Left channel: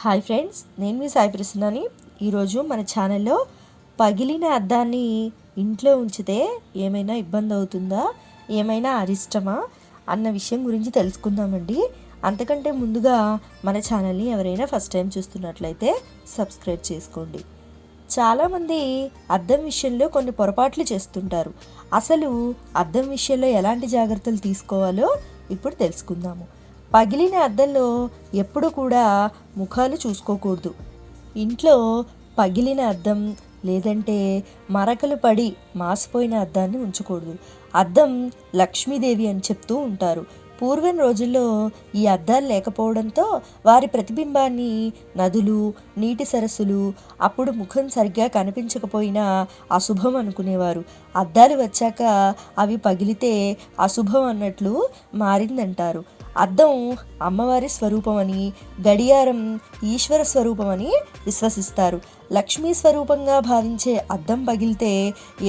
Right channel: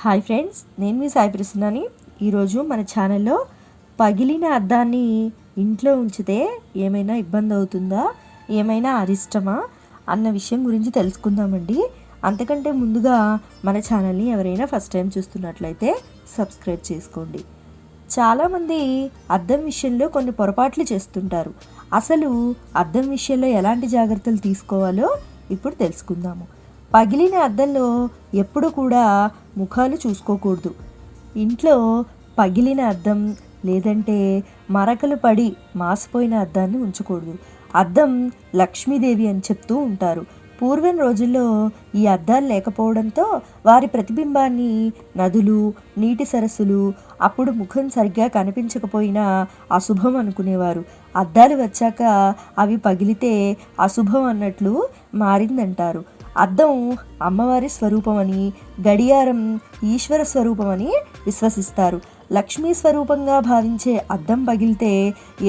Hi friends, నేను మీ సాయి ప్రసన్నని. ఈరోజు మన ఛానల్లో పగిలిన అద్దాన్ని ఇంట్లో ఉంచితే ఏమైనా ఇబ్బంది అవుతుందా, ఏమైనా అరిష్టమా అన్న విషయం గురించి తెలుసుకుందామండి. అంతకంటే ముందుగా మన ఛానల్ని ఎవరైనా ఫస్ట్ టైం చూస్తున్నట్లయితే సబ్స్క్రైబ్ చేసుకోండి. చాలామంది అద్దం విషయంలో కొన్ని పొరపాట్లు చేస్తుంటారు. అసలు అద్దం విషయంలో ఎలాంటి జాగ్రత్తలు తీసుకోవాలో ఇప్పుడు తెలుసుకుందాము. పగిలిన అద్దంలో ఎప్పుడు కూడా ముఖాలు చూసుకోకూడదు. ఇంట్లో పగిలిన అద్దం లేదంటే మరకలు పడి మాసిపోయిన అద్దాన్ని ఉంచకూడదు. అద్దం లక్ష్మీదేవి అని చెప్తూ ఉంటారు. పూర్వం రోజుల్లో ఈ అద్దాలు లేకపోవడంతో వారి ప్రతిబింబాన్ని నదులు, నీటి సరస్సులు, అప్పుడు ముఖం సరిగ్గా కనిపించకపోయినా అశుభం అనుకునేవారు. అద్దాలు వచ్చాక అవి పగిలితే అశుభం అన్నట్లు మారిందంటారు. అద్దం అమ్మవారి స్వరూపమని, గడియారం ఈశ్వర స్వరూపమని విశ్వసిస్తారు. లక్ష్మీ స్వరూపంగా భావించే అద్దం పగిలితే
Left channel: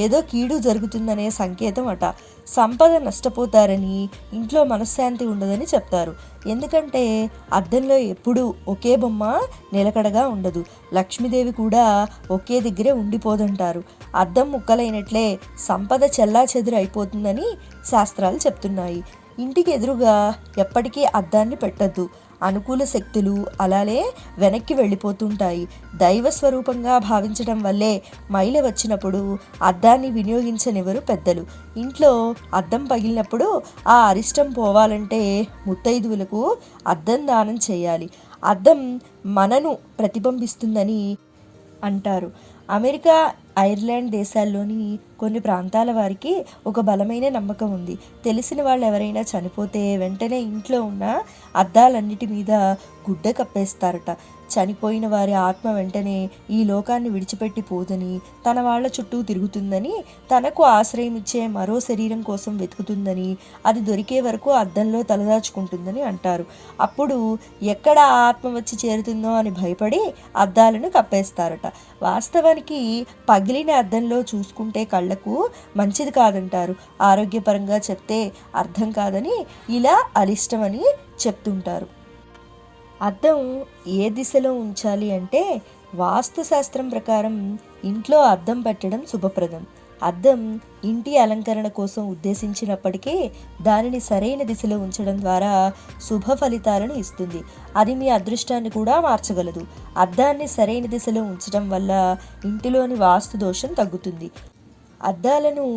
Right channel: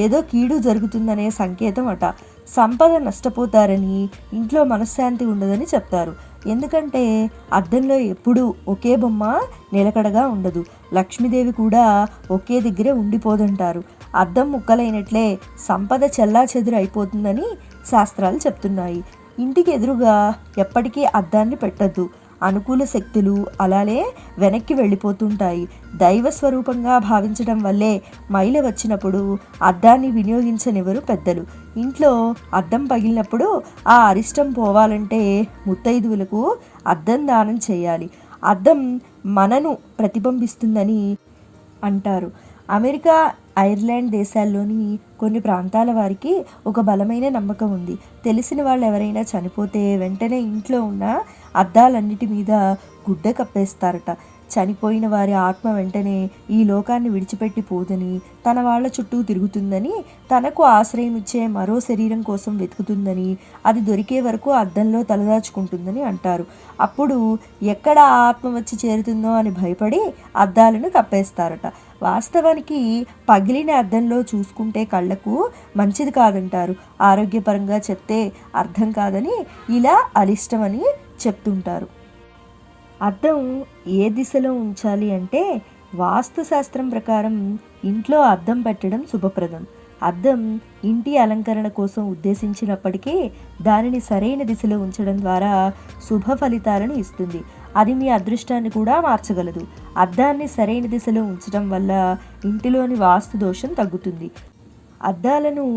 ఏదో కీడు జరుగుతుందనే సంకేతం అట. సంపద నష్టపోతారని, ఇంట్లో మనశ్శాంతి ఉండదని చెప్తారు. ఎందుకంటే అద్దంలో ఎప్పుడూ ఒకే బొమ్మ నిలకడగా ఉండదు. లక్ష్మీదేవి కూడా ఒకే దగ్గరే ఉండిపోదంటారు. అద్దం ముక్కలైనట్లే సంపద చెల్లాచెదురు అయిపోతుందని శాస్త్రాలు చెప్తున్నాయి. ఇంటికి ఎదురుగా ఎప్పటికీ అద్దాన్ని పెట్టద్దు. అనుకూల శక్తులు అలానే వెనక్కి వెళ్ళిపోతుంటాయి. దైవ స్వరూపంగా భావించడం వల్లే మైల వచ్చినప్పుడు అద్దాన్ని వినియోగించనివ్వరు పెద్దలు. ఇంట్లో అద్దం పగిలినప్పుడు ఆ అరిష్టం పోవాలంటే ముత్తైదువులకు అద్దం దానం చేయాలి. అద్దం మనను ప్రతిబింబిస్తుందని అంటారు. అమెరికా, ఐర్లాండ్ దేశాల్లోని కొన్ని ప్రాంతాల వారికి ఒక బలమైన నమ్మకం ఉంది. తెలిసిన వాళ్ళు ఎవరైనా చనిపోతే వెంటనే ఇంట్లో ఉన్న అద్దాలన్నిటి మీద గుడ్డ కప్పేస్తారట. చనిపోయిన వారి ఆత్మ వెంటనే ఈ లోకాన్ని విడిచిపెట్టి పోదని, తన వాళ్ళ చుట్టూ తిరుగుతుందని, తనకు ఆశ్రయం ఇచ్చే మరో శరీరం కోసం వెతుకుతుందని, అది దొరికే వరకు అద్దంలో తలదాచుకుంటుందని అంటారు. అప్పుడు ఎక్కడ ఆత్మ వచ్చి చేరుతుందో అని భయపడి అద్దాలను కప్పేస్తారట. వాస్తవానికి పగిలిన అద్దంలో చూసుకుంటే కళ్ళకు మంచిది కాదంటారు. ఆరోగ్యపరంగా చెప్తే అర్థం కాదని ఇలా అరిష్టమని చెప్తుంటారు. అద్దం ఏ దిశలో ఉంచాలి అంటే వాస్తుశాస్త్రం ప్రకారం ఇంట్లో అద్దం పెట్టడం శుభప్రదం. అద్దం ఇంటి అలంకరణ కోసం ఉద్దేశించినప్పటికీ దానిని సరైన దిశలో ఉంచడం ద్వారా శుభ ఫలితాలను ఇస్తుంది. అది మీ అదృష్టాన్ని కూడా మార్చగలదు. అద్దాన్ని సరైన దిశలో ఉంచడం వల్ల ఇంటిలోని వాస్తు దోషం తగ్గుతుంది. అద్దాలను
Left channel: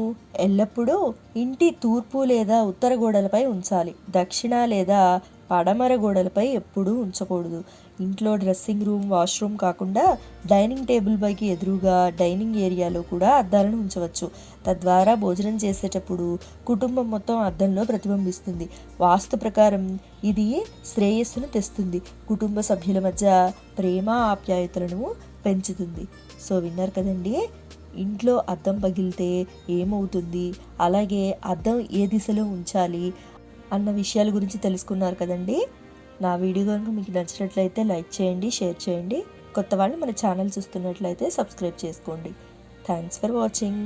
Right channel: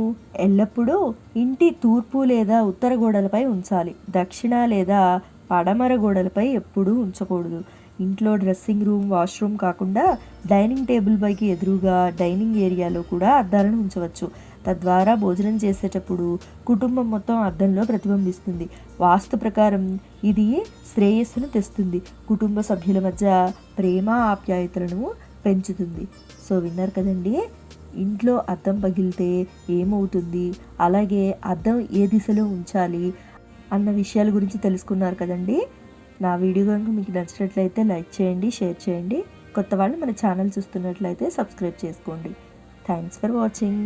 ఎల్లప్పుడూ ఇంటి తూర్పు లేదా ఉత్తర గోడలపై ఉంచాలి. దక్షిణ లేదా పడమర గోడలపై ఎప్పుడూ ఉంచకూడదు. ఇంట్లో డ్రెస్సింగ్ రూమ్, వాష్రూమ్ కాకుండా డైనింగ్ టేబుల్ పైకి ఎదురుగా డైనింగ్ ఏరియాలో కూడా అద్దాలను ఉంచవచ్చు. తద్వారా భోజనం చేసేటప్పుడు కుటుంబం మొత్తం అద్దంలో ప్రతిబింబిస్తుంది. వాస్తు ప్రకారం ఇది శ్రేయస్సును తెస్తుంది. కుటుంబ సభ్యుల మధ్య ప్రేమ, ఆప్యాయతలను పెంచుతుంది. సో విన్నారు కదండి, ఇంట్లో అద్దం పగిలితే ఏమవుతుంది, అలాగే అద్దం ఏ దిశలో ఉంచాలి అన్న విషయాల గురించి తెలుసుకున్నారు కదండి. నా వీడియో కనుక మీకు నచ్చినట్లయితే లైక్ చేయండి, షేర్ చేయండి. కొత్త వాళ్ళు మన ఛానల్ చూస్తున్నట్లయితే సబ్స్క్రైబ్ చేసుకోండి. Thanks for watching.